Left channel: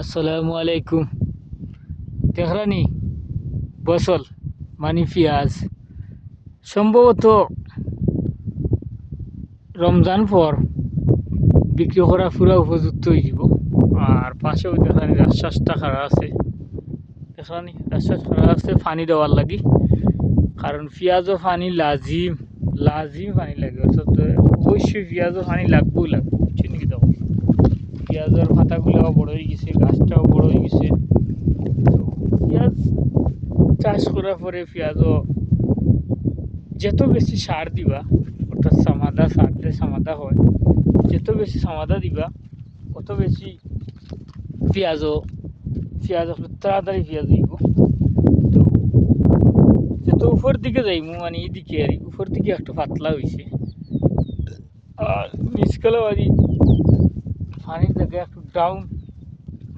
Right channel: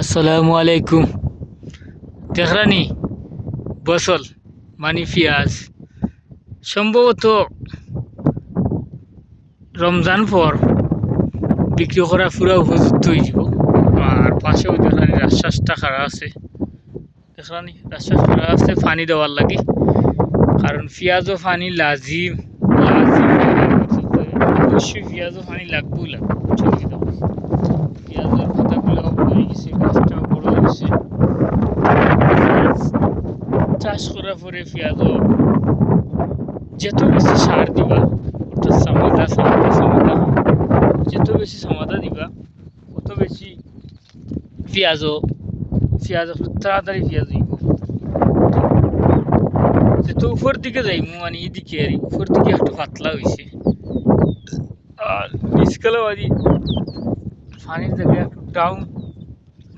আসসালামু আলাইকুম। দেখরানি বসল মানে পেঁয়াজ সম্ভবত রমজান পর বিক্রি করা পুরা উপযুক্ত হয়ে যাব। আর পাশেও দেখরানি রাস্তাটা খাড়া আছে, দেখরানি রাস্তা খাড়া আছে পানি দেওয়ার লাগি, কারণ পেঁয়াজও পানি লাজিম লাজিম অবশ্যই পেঁয়াজও পানি লাগবেই লাগবে। ঠিকই তো, পেঁয়াজের পাতাগুলো বড় হয়ে গেছে, গাছটাও বড় হয়ে গেছে। চাষ করার পরে পেঁয়াজও যত বেশি সার দিবা, অর্থাৎ সামাদা যত বেশি সামাদা দিবা তত বেশি পেঁয়াজ তাড়াতাড়ি পেঁয়াজ দিব। যত উপর দিকে যাইমু মানে এদিকে আর উপর দিকে একটু পাতলা হয়েছে, আর নিচকালেও আর পানির জায়গায় একটু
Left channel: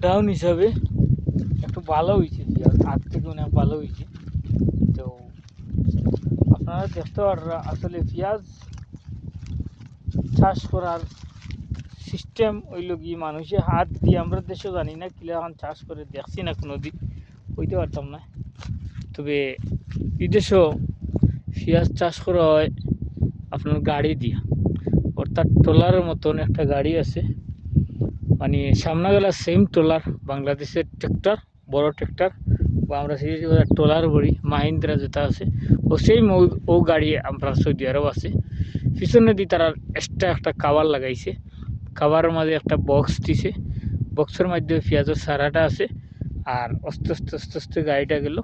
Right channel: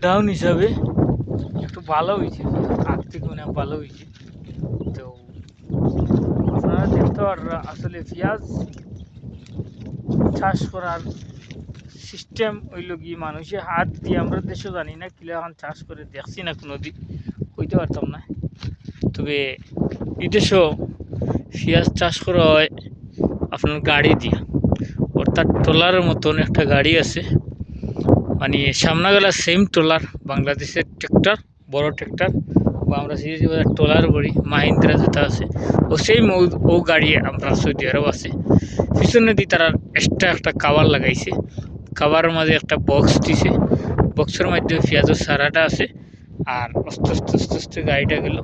ডাউন হিসাবে একটু ভালো হয়েছে, আগ থেকে অনেক ভালো হয়েছে। তো আপনারা দেখতে পাররা আসলে পেঁয়াজ চাষ করার সিস্টেম হইল কি, মানুষের হাত দিয়ে আমরা দেশও জানি না কিলা এখন চাষ করে দেখছি না, কোনো দিন কইতে পারতাম না। তবে বিদেশও পেঁয়াজ চাষ করা হয় আপনার গাড়ি দিয়া, অর্থাৎ ট্রলারের মতন একটা গাড়ি আছে, মানে সামনে গেলা সেম ট্রলার, বাংলাদেশের ট্র্যাক্টর, বড় ট্র্যাক্টর বা আমরা সিরিজ ট্রলার বলি মাহিন্দ্রা যেটা আছে, ও সেম ও গাড়ি আমরা সৌদি আরব আছে। পিছনে দিয়ে তারা এক্সট্রা একটা কাভার লাগাইছে, কাভারের মাঝে একটা বক্স দিছে, বক্সের মধ্যে পেঁয়াজের সারাটা আছে। আর আস্তে আস্তে আস্তে আস্তে গাড়িটা গেল,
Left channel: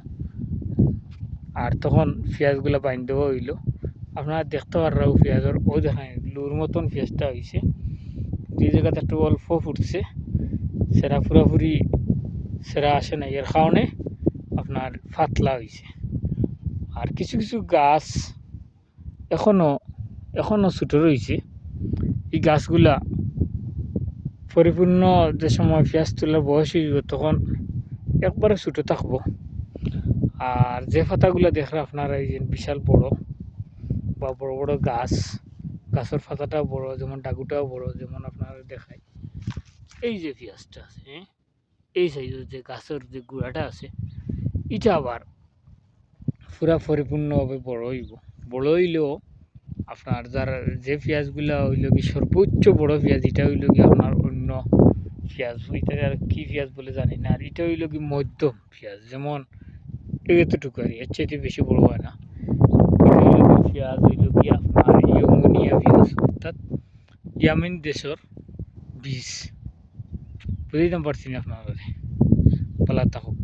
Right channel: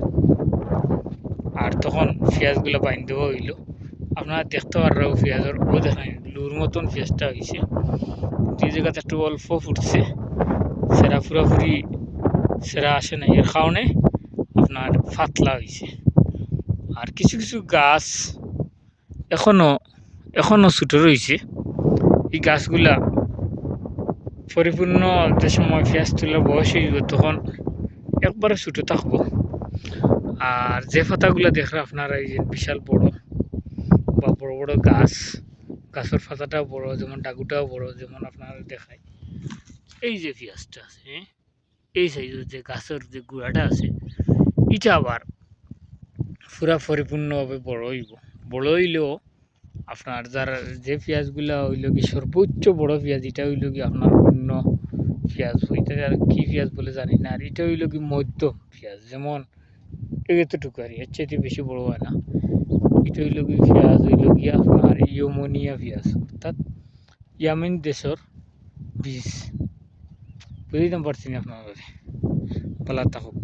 আর তখন পেঁয়াজগুলো বাইন দেওয়া হইল। আপনারা দেখতে পাররাও পেঁয়াজের ও দেখেন লুর মতন পেঁয়াজটা হয়েছে, যে জায়গাতে একটু অল্প ফুটছে, সেরা পুরোপুরি সেরা আসে না, এর কারণে আপনার পাতলা হয়েছে। আর কিছু কিছু গাছ এখনো ছোটো রয়েছে, এই গাছগুলা পরিপূর্ণ যে সময় পেঁয়াজ তোলার বয়স হয়ে যাবে তখন একবারে ছোটো থাকবো। আর যে পাতাগুলো দেখলে আপনারা এই যে বিশাল বড় বা বড় বড় গাছের পাতাটাও বড়, যেমন ডাগুটাও বড়, যেমন আপনারা দেখায় এই যে পেঁয়াজটা আছে, এই সাইজের যে গাছের যে গুঁড়াটা আছে, এটা আবার পুরা পরিপূর্ণভাবে বড় হইব। বড় হইলেও আপনার যারা যে পেঁয়াজগুলা হইল কি সর্বোচ্চ বড় পেঁয়াজ, এটা হইল কি আপনার অন্য পেঁয়াজ, এটা আর কি পেঁয়াজ বলে জানি না। আর এটা হইল কি মধ্যম পেঁয়াজ, যেমন এতটুকু আর এর চাইতে বেশি বড় হয় না। এটা হইল কি পেঁয়াজ হইল কি আপনার ইয়মনিয়া পেঁয়াজ, অর্থাৎ ইয়ামিন দেশের বীজ। বুঝতে পারছি না আপনার পালা থাকুক।